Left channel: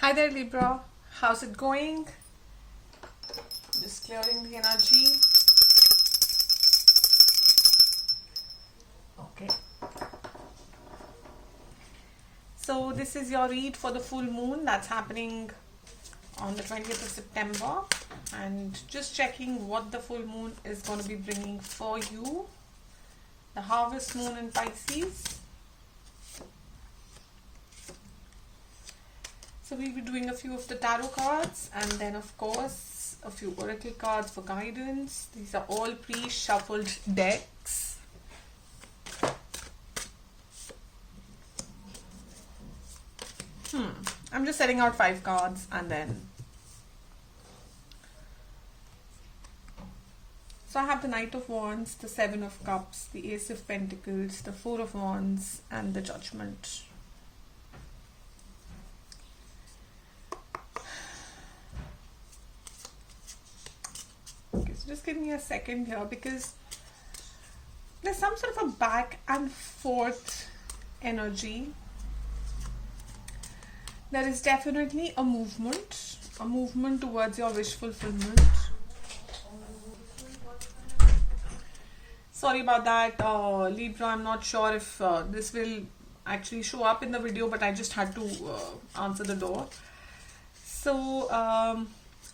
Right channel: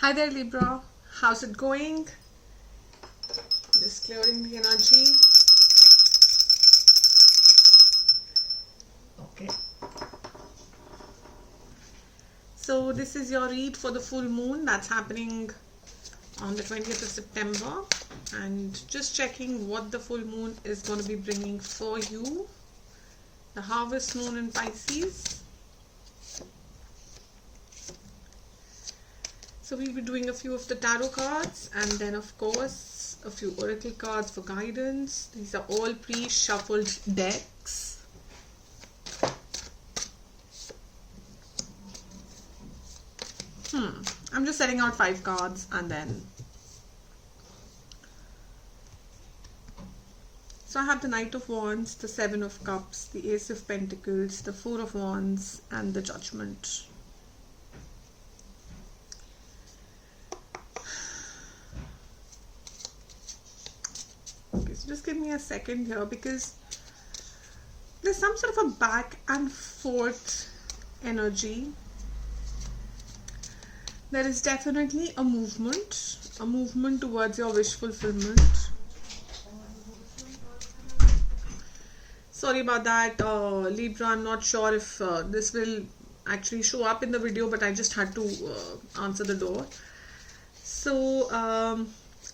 Hi there, Libra. How's it going? Just clearing the energy. Okay. So this is your read for the full moon that's happening on the 20th of September. And just checking what the full moon is going to be bringing for you. The harvest moon in Pisces. So we'll be doing a few of the tarot cards and then of course a few oracle cards for guidance. These are all pre-shuffled decks. I'm just setting out 5 cards and then. So I have the Knight of Wands, the 7 of Cups, the Ace of Pentacles, the 4 of Wands and the Judgment. Okay, so just give me a second here because there's some sort of a back and forth energy. There is definitely a movement towards your wish fulfillment. Sorry about that, Libra. I'm not sure if this will actually show up in the video, but I just had to answer the door. So,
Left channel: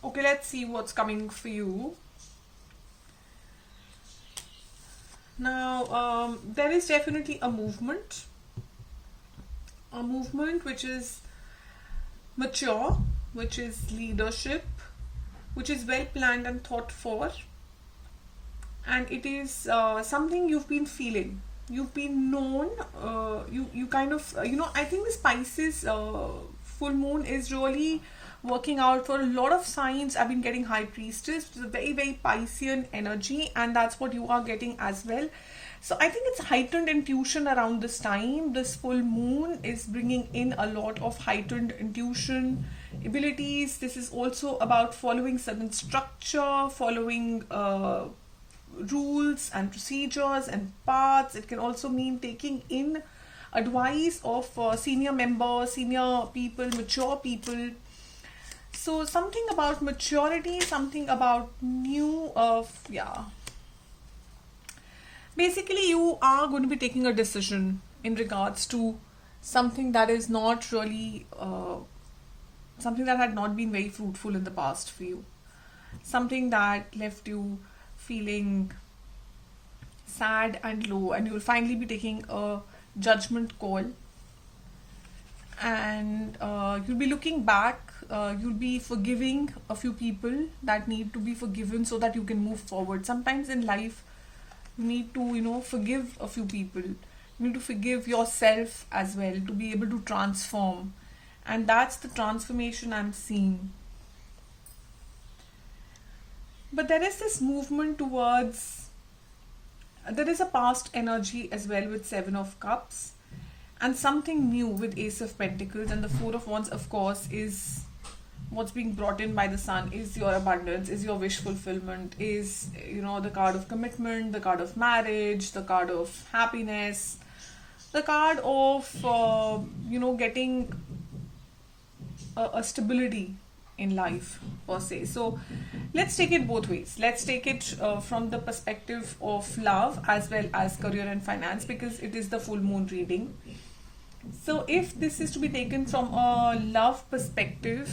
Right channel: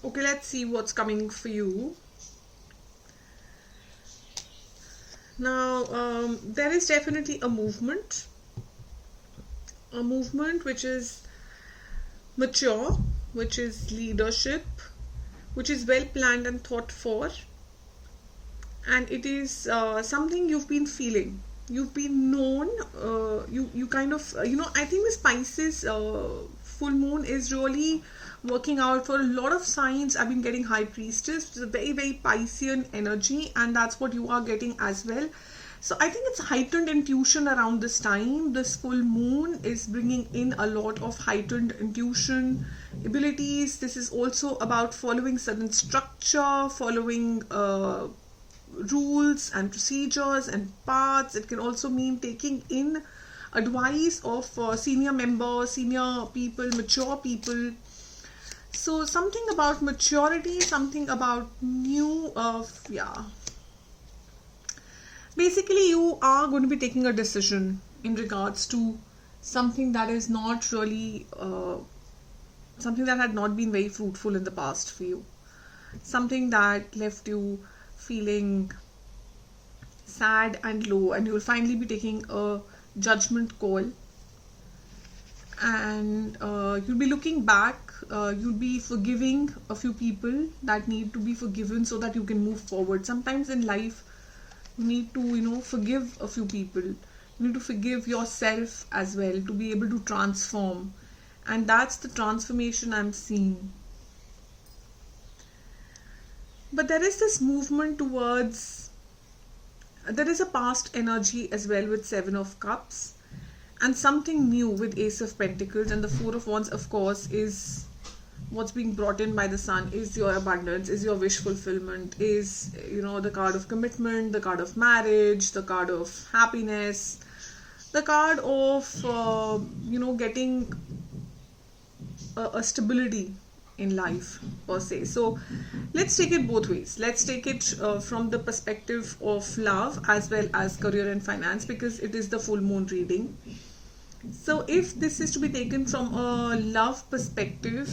okay, let's see what's coming for you. Now, there is definitely a movement which is mature, which is leadership, which is well planned and thought for, and it is something you've been feeling, you've been known, you kind of, I think this Pisces full moon is really working out for a lot of signs. I've been getting High Priestess, which is a very, very Piscean energy, and that's what you are getting as well. So I think it's heightened intuition around this time. This full moon is bringing in a lot of heightened intuition abilities. This is also about following certain structure, following rules and procedures and paths. It can also mean taking in advice of senior members, senior people, mature people. So something about maturity, something about new, basically you are going to be taking a decision in regards to something that is not really, something that had not been very fruitful in the past for you. Something that left you feeling sad and low, and you will finally be taking a judgment call. And you'll be looking back, you'll be forgiving a few people that need to be forgiven so that you can move forward. Sometimes in life, you need to, forgive a few people. You need to forgive yourself as well to be able to transform. And that's the transformation I'm seeing. But there is this movement towards, there is a past energy as well with 7 of Cups. And something new with Ace of Pentacles, and the 4 of Wands, of course, is what's being brought in by the Sun, is your abundance, is your wish fulfillment, is, the card of commitment, the card of marriage, the card of happiness, the card of, getting a stability in life per se. So let's take it both ways. Let's take it from the perspective of love as well as career and finance, because it is the full moon reading. So if this is to be taken from a love perspective,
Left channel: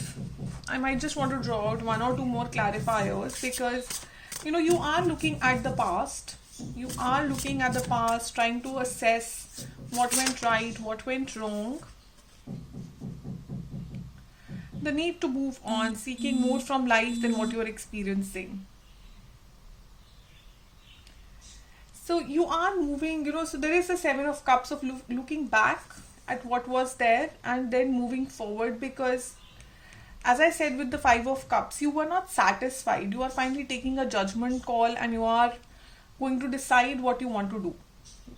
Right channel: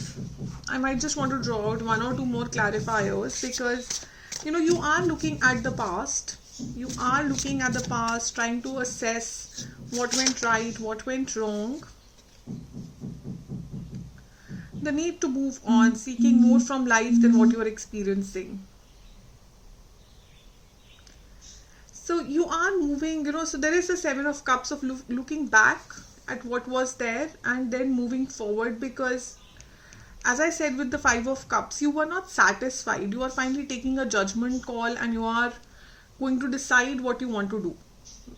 I might just want to draw out 1 or 2 more clarifiers, because you are looking at the past. You are looking at the past, trying to assess what went right, what went wrong. The need to move on, seeking more from life than what you are experiencing. So you are moving, so there is a 7 of Cups of looking back at what was there and then moving forward, because as I said with the 5 of Cups, you were not satisfied. You are finally taking a judgment call and you are going to decide what you want to do.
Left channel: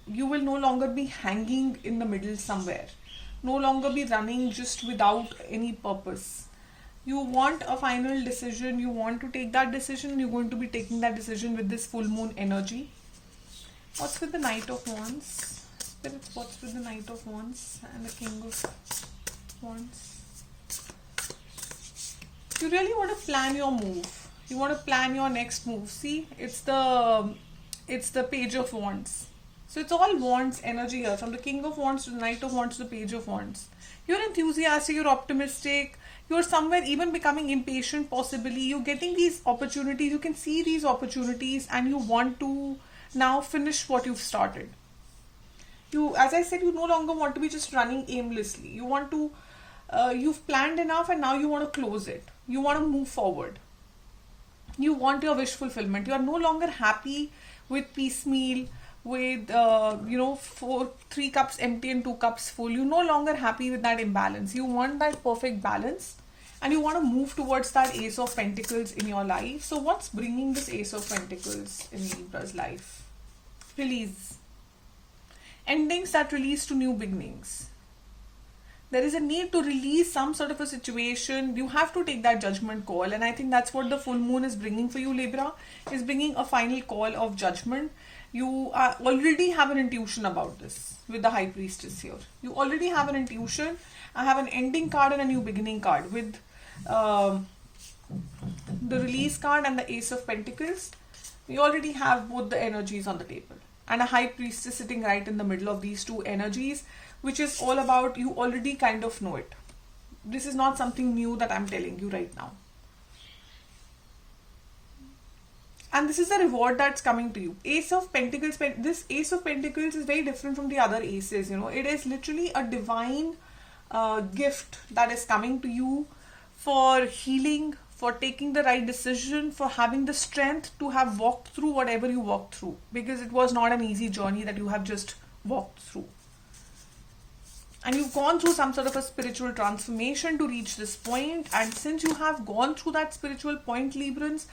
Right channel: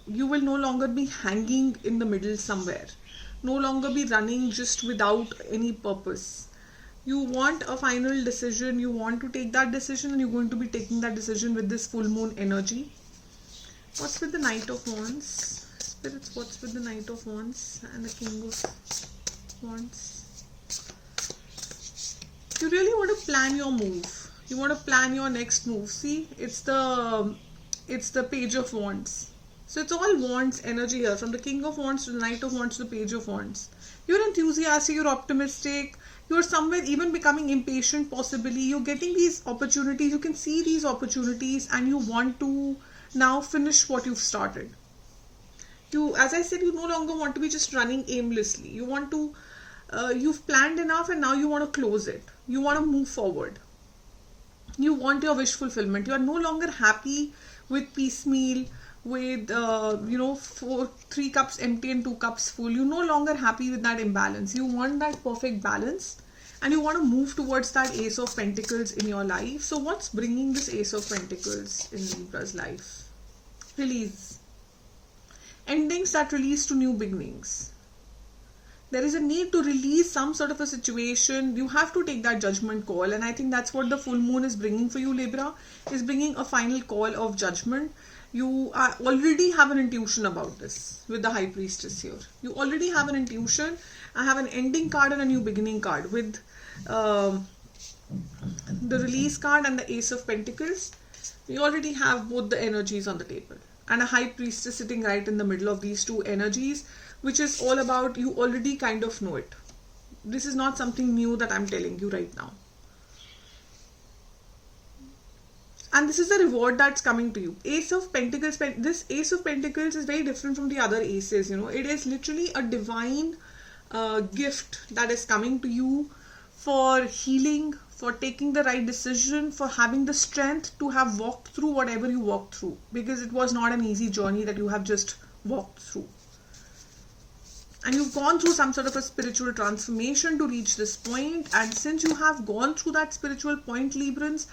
You will no longer be hanging in the middle somewhere. No longer be running just without any purpose. You want a final decision. You want to take that decision, and you're going to be taking that decision with this full moon energy. What's with the Knight of Wands? Spirits, what's with the Knight of Wands and the King of Wands? you really want to plan your move, you want to plan your next move. See, it's the Page of Wands. So it's all Wands energy here, from the King of Wands to the Knight of Wands to the Page of Wands. You're enthusiastic, you're optimistic, you're somewhere even becoming impatient possibly. You're getting these opportunities, you can see these opportunities, and you want to now finish what you've started. You, as I said, you no longer want to be just running aimlessly. You want to, you've planned enough and now you want to close it. You want to move forward. You want your wish fulfillment. You are no longer happy with piecemeal, with, 3 cups empty and 2 cups full. You're no longer happy with that imbalance. You want that perfect balance and you want to move towards that Ace of Pentacles in your life. So what's bringing this Ace of Pentacles in Libra's life? Release. Endings that release to new beginnings. There is a need to release some sort of a situation. You have to take that judgment call, and I think that's what the full moon is bringing for you, Libra, is bringing a final call of judgment. You already have an intuition about this with the High Priestess here. You already have an intuition. I have an ending card and a new beginning card with the release card and the Ace of Pentacles. We already have both the energies on the table, and a High Priestess sitting right in the middle of these two energies, which is all about, you already kind of know it. This is not something new that I'm telling you right now. And this is the reward that's coming to you. Ace of Pentacles, this Ace of Pentacles is very different from the other aces, you know. It is literally a divine gift that is coming to you for healing, for taking the right decision, for having the strength to have walked through whatever you walked through. Because it was not an easy journey that you have just walked through. And you've gone through some sort of a spiritual transformation to reach this point. And since you have gone through that spiritual point, Librans,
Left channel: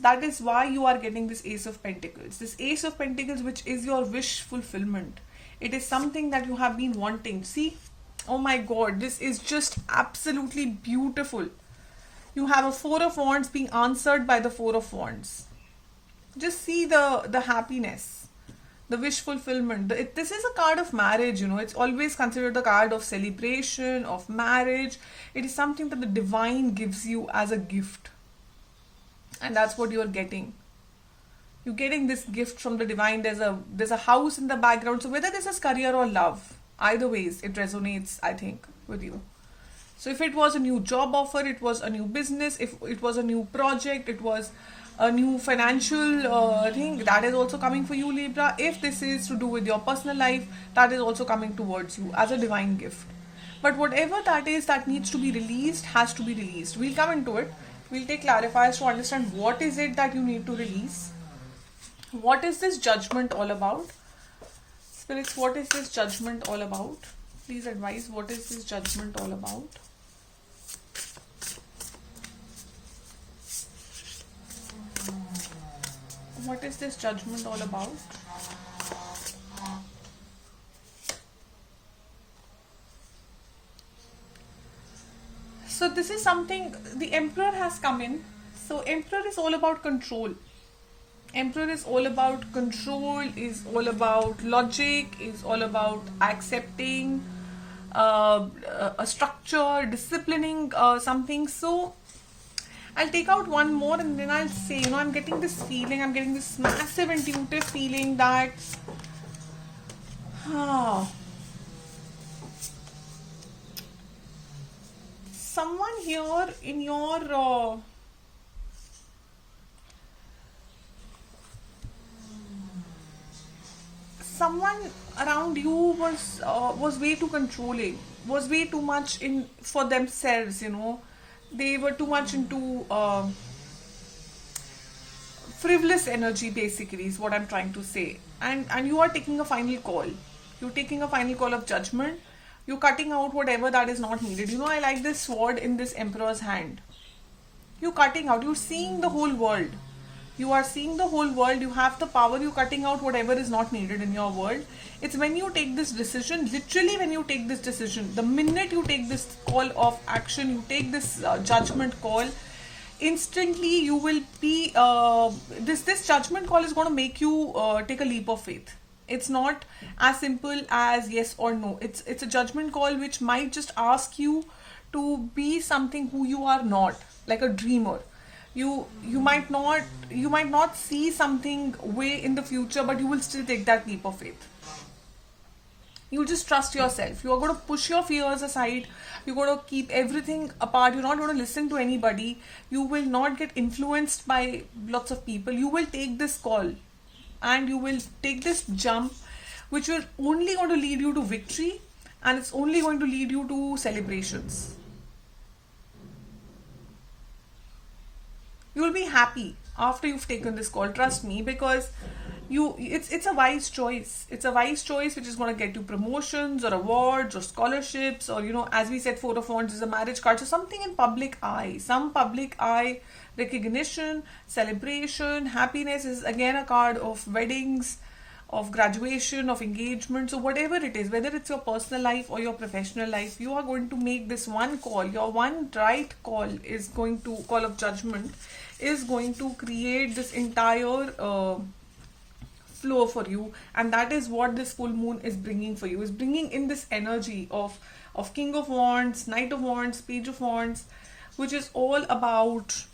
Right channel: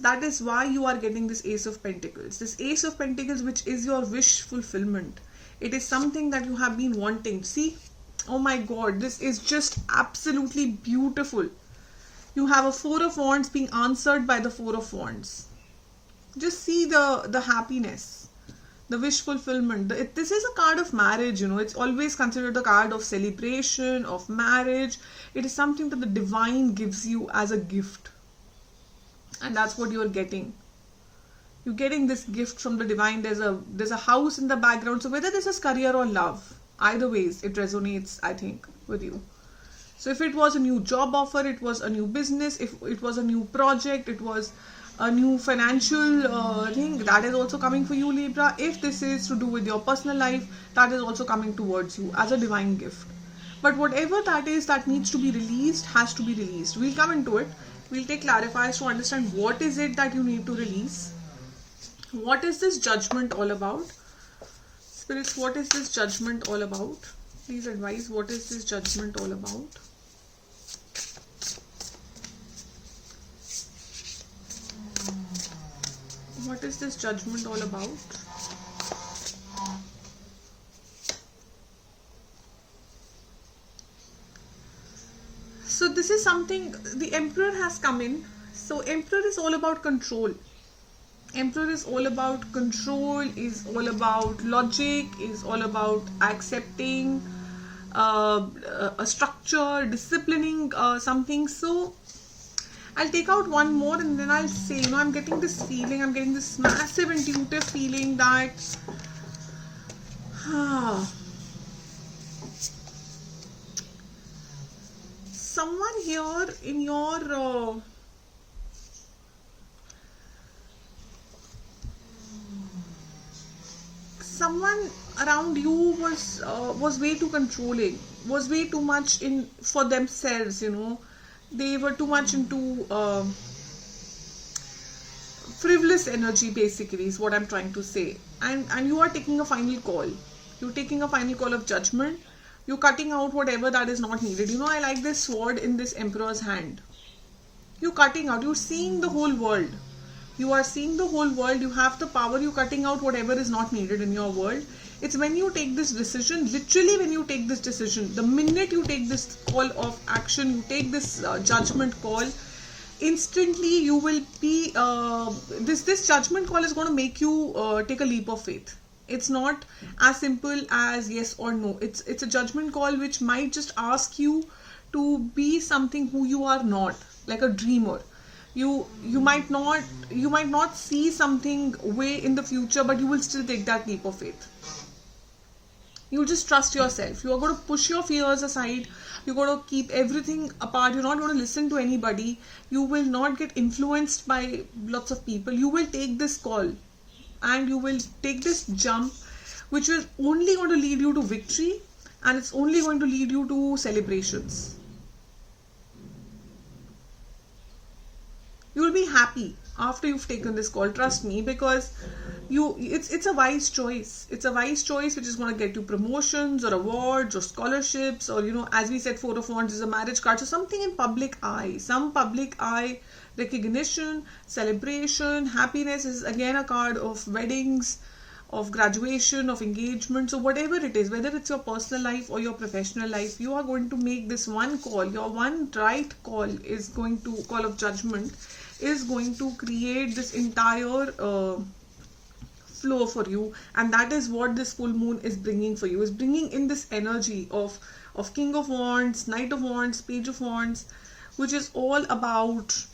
that is why you are getting this Ace of Pentacles. This Ace of Pentacles, which is your wish fulfillment. It is something that you have been wanting. See, oh my God, this is just absolutely beautiful. You have a Four of Wands being answered by the Four of Wands. Just see the happiness, the wish fulfillment. This is a card of marriage, you know. It's always considered a card of celebration, of marriage. It is something that the divine gives you as a gift. And that's what you are getting. You're getting this gift from the divine. There's a house in the background. So whether this is career or love, either ways, it resonates, I think, with you. So if it was a new job offer, it was a new business, if it was a new project, it was a new financial thing, that is also coming for you, Libra. If this is to do with your personal life, that is also coming towards you as a divine gift. But whatever that is that needs to be released, has to be released. We'll come into it. We'll take clarifiers to understand what is it that you need to release. What is this judgment all about? Spirits, what is this judgment all about? Please advise, what is this judgment all about? What is this judgment all about? So this is something, the Emperor has come in. So Emperor is all about control. Emperor is all about control, is all about logic, is all about accepting a structure, disciplining something. So I'll take out one more and then I'll say, you know, I'm getting this feeling, I'm getting this massive intuitive feeling that someone here in your someone around you was way too controlling, was way too much in for themselves, you know. They were too much into frivolous energy, basically, is what I'm trying to say. And you are taking a final call. You're taking a final call of judgment. You're cutting out whatever that is not needed. You know, I like this sword in this Emperor's hand. You're cutting out. You're seeing the whole world. You are seeing the whole world. You have the power. You're cutting out whatever is not needed in your world. It's when you take this decision, literally when you take this decision, the minute you take this call of action, you take this judgment call, instantly you will be, this judgment call is going to make you take a leap of faith. It's not as simple as yes or no. It's a judgment call which might just ask you to be something who you are not, like a dreamer. You might not see something way in the future, but you will still take that leap of faith. You just trust yourself. You are going to push your fears aside. You're going to keep everything apart. You're not going to listen to anybody. You will not get influenced by lots of people. You will take this call and you will take this jump, which will only going to lead you to victory, and it's only going to lead you to celebrations. You will be happy after you've taken this call, trust me, because it's a wise choice. It's a wise choice which is going to get you promotions or awards or scholarships, or as we said, Four of Wands is a marriage card, so something in public eye, some public eye recognition, celebration. Happiness is again a card of weddings, of graduation, of engagement. So whatever it is, whether it's your personal life or your professional life, you are going to make this one call. Your one right call is going to, call of judgment, is going to create this entire flow for you. And that is what this full moon is bringing for you, is bringing in this energy of King of Wands, Knight of Wands, Page of Wands, which is all about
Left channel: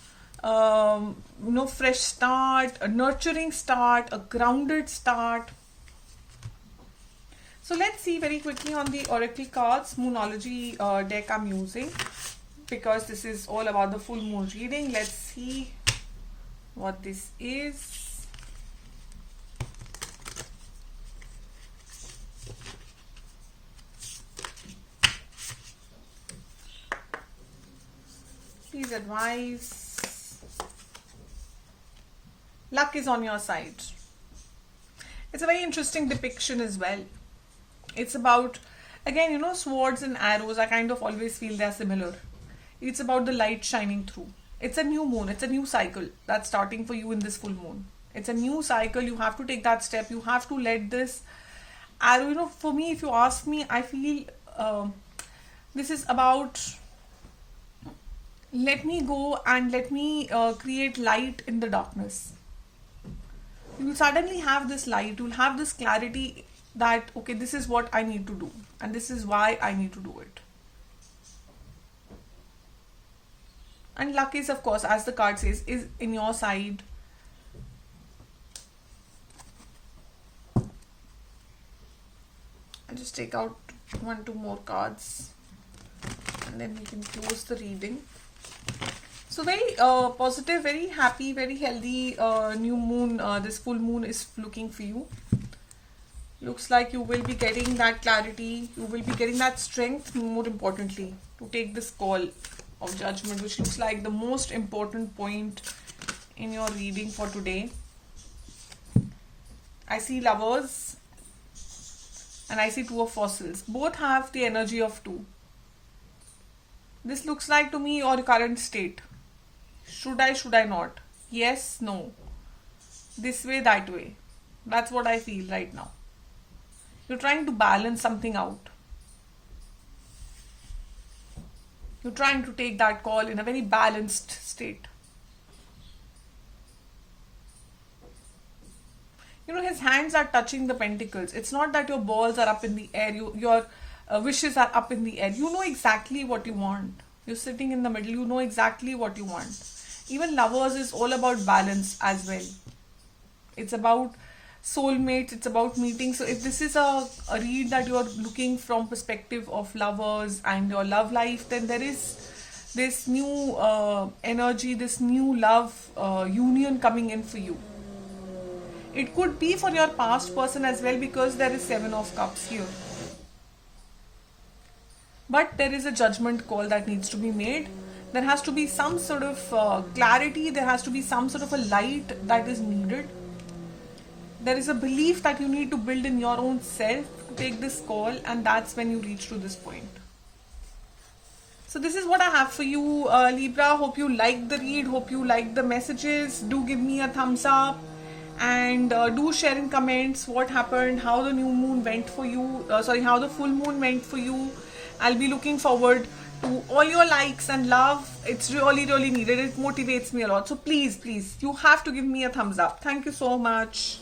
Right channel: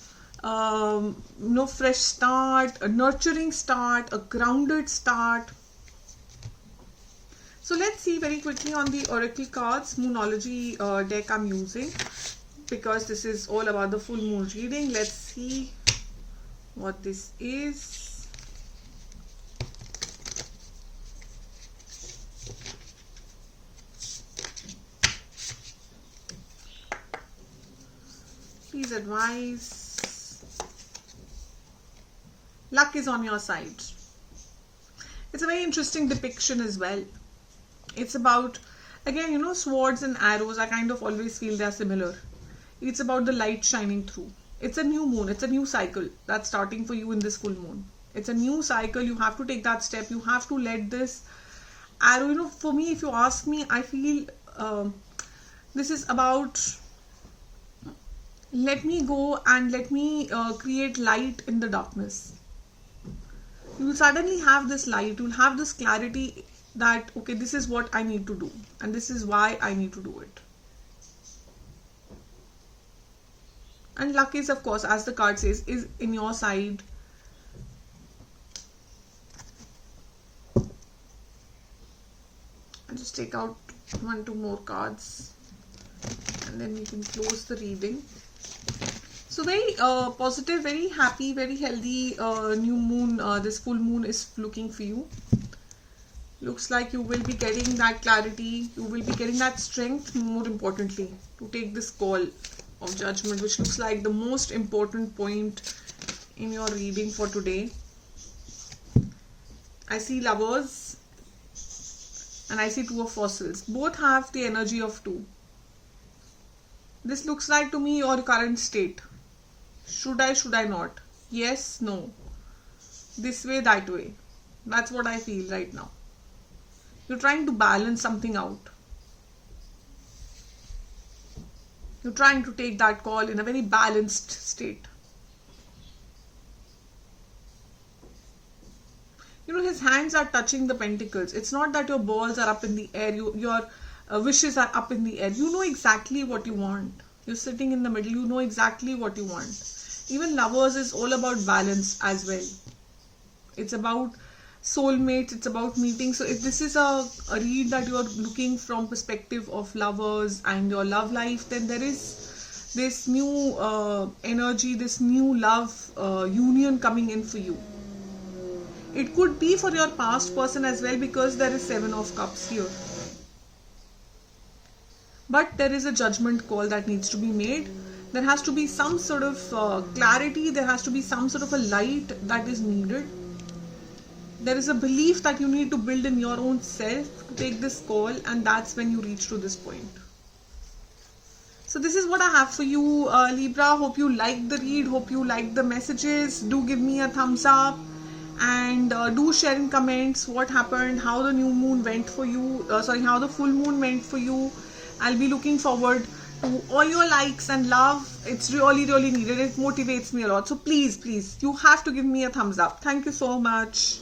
fresh start, a nurturing start, a grounded start. So let's see very quickly on the oracle cards, Moonology deck I'm using, because this is all about the full moon reading. Let's see what this is. Please advise. Luck is on your side. It's a very interesting depiction as well. It's about, again, swords and arrows. I kind of always feel they're similar. It's about the light shining through. It's a new moon. It's a new cycle that's starting for you in this full moon. It's a new cycle. You have to take that step. You have to let this arrow, for me, if you ask me, I feel this is about, let me go and let me create light in the darkness. You will suddenly have this light, you will have this clarity that, okay, this is what I need to do and this is why I need to do it. And luck is, of course, as the card says, is in your side. I'll just take out 1-2 more cards and then we can close the reading. So very positive, very happy, very healthy new moon. This full moon is looking for you. Looks like you will be getting that clarity. You will be getting that strength, more importantly, to take this call of judgment, which looks like the most important point in your reading for today. I see Lovers and I see Two of Fossils. Both have the energy of 2. This looks like to me your current state. Should I not? Yes, no. This way, that way. That's what I feel right now. You're trying to balance something out. You're trying to take that call in a very balanced state. His hands are touching the pentacles. It's not that your balls are up in the air. Your wishes are up in the air. You know exactly what you want. You're sitting in the middle. You know exactly what you want. Even Lovers is all about balance as well. It's about soulmates. It's about meeting. So if this is a read that you are looking from perspective of lovers and your love life, then there is this new energy, this new love union coming in for you. It could be for your past person as well, because there is 7 of Cups here. But there is a judgment call that needs to be made. There has to be some sort of clarity. There has to be some sort of a light that is needed. There is a belief that you need to build in your own self to take this call, and that's when you reach to this point. So this is what I have for you, Libra. Hope you like the read. Hope you like the messages. Do give me a thumbs up. And do share in comments what happened, how the new moon went for you, how the full moon went for you. I'll be looking forward to all your likes and love. It's really, really needed. It motivates me a lot. So please, you have to give me a thumbs up. Thank you so much.